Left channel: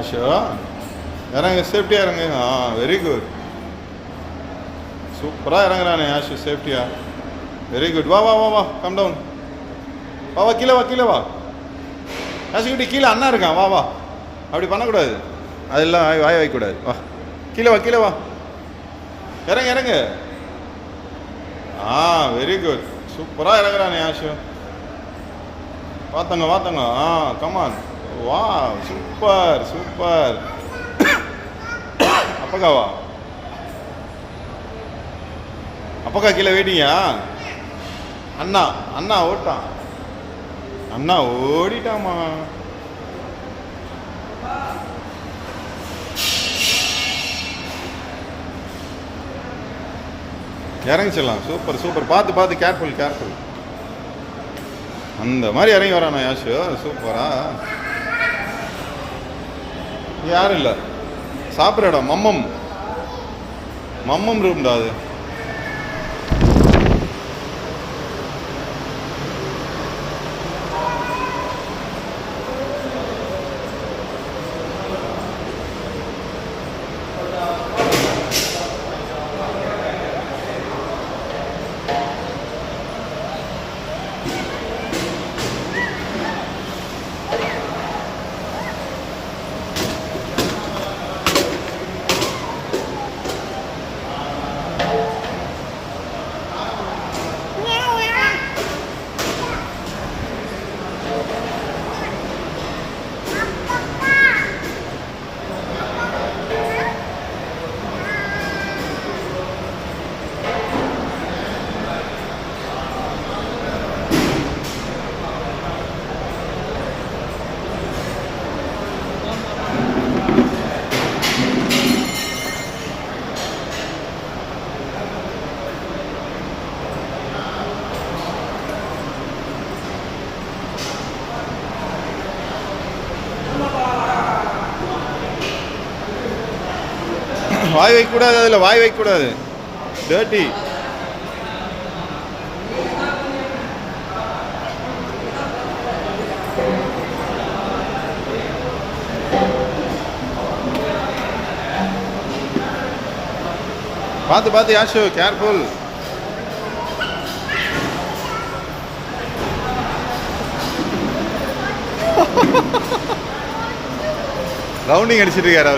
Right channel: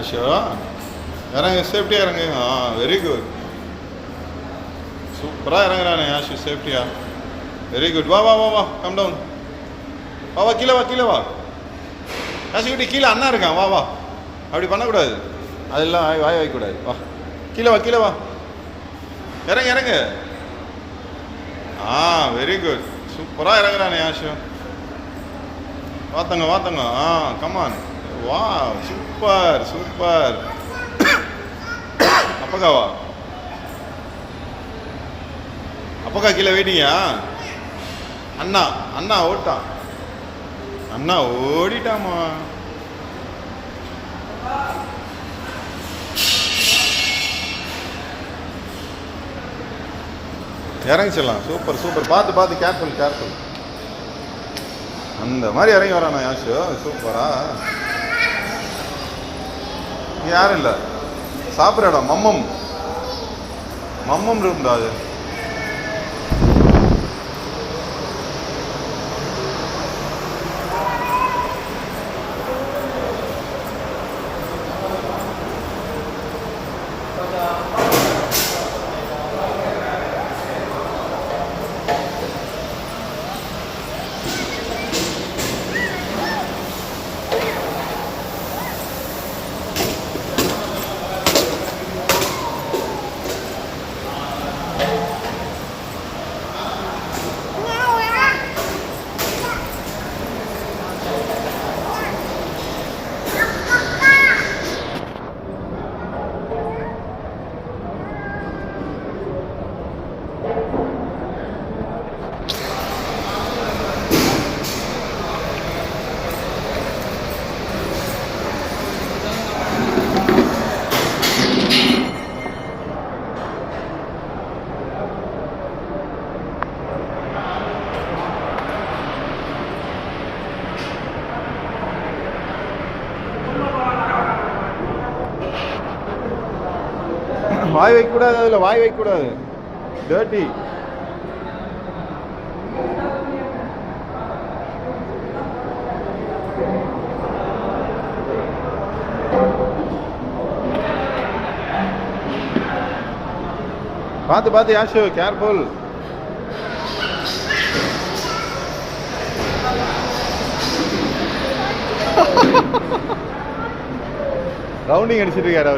Aso. இறங்க, சேஃப்டியாக இறங்கு. வெரி குட், சூப்பராக இறங்குறானே ஆஷு, சேஃப்டியா. Very good. வா வா வா வா, கம் டவுன். வா வா, கீழே வா, கீழே வா. ஆஷுக்கிட்ட கீழே அண்ணா இருக்கான், வா வா. அப்படி பண்ணக்கூடாது, அதெல்லாம் வாய் வைக்கக்கூடாது. வா, கீழே வா, கீழே வா. இறங்க இறங்க. வெரி குட், சூப்பராக இறங்குறானே ஆஷு. வாத்தங்க வாத்தங்க. கமான். வா, சூப்பர் சூப்பர். அப்பக்காவா? அப்பக்கா கீழே வெயிட்டிங்கா? அண்ணா அண்ணா ஓட்டான், அண்ணா ஓடிட்டாமா. இறங்கிச்சிடலாம். சூப்பர் சூப்பர், பார்த்து பார்த்து, கேர்ஃபுல் கேர்ஃபுல். அந்த மாதிரி இறங்கி வரானா யாஷு, சூப்பரா. யாரும் இல்லை, சாப்பிட்ற இடம் மம்மம், மம்மம் ரூம்டா அது. வாய் வைக்கக்கூடாது, அதில் வாய் வைக்கக்கூடாது, டர்ட்டி. பார்த்து பார்த்து யாஷு, கேர்ஃபுல். ரவுண்டிங் அடிச்சிட்டு இருக்காரு.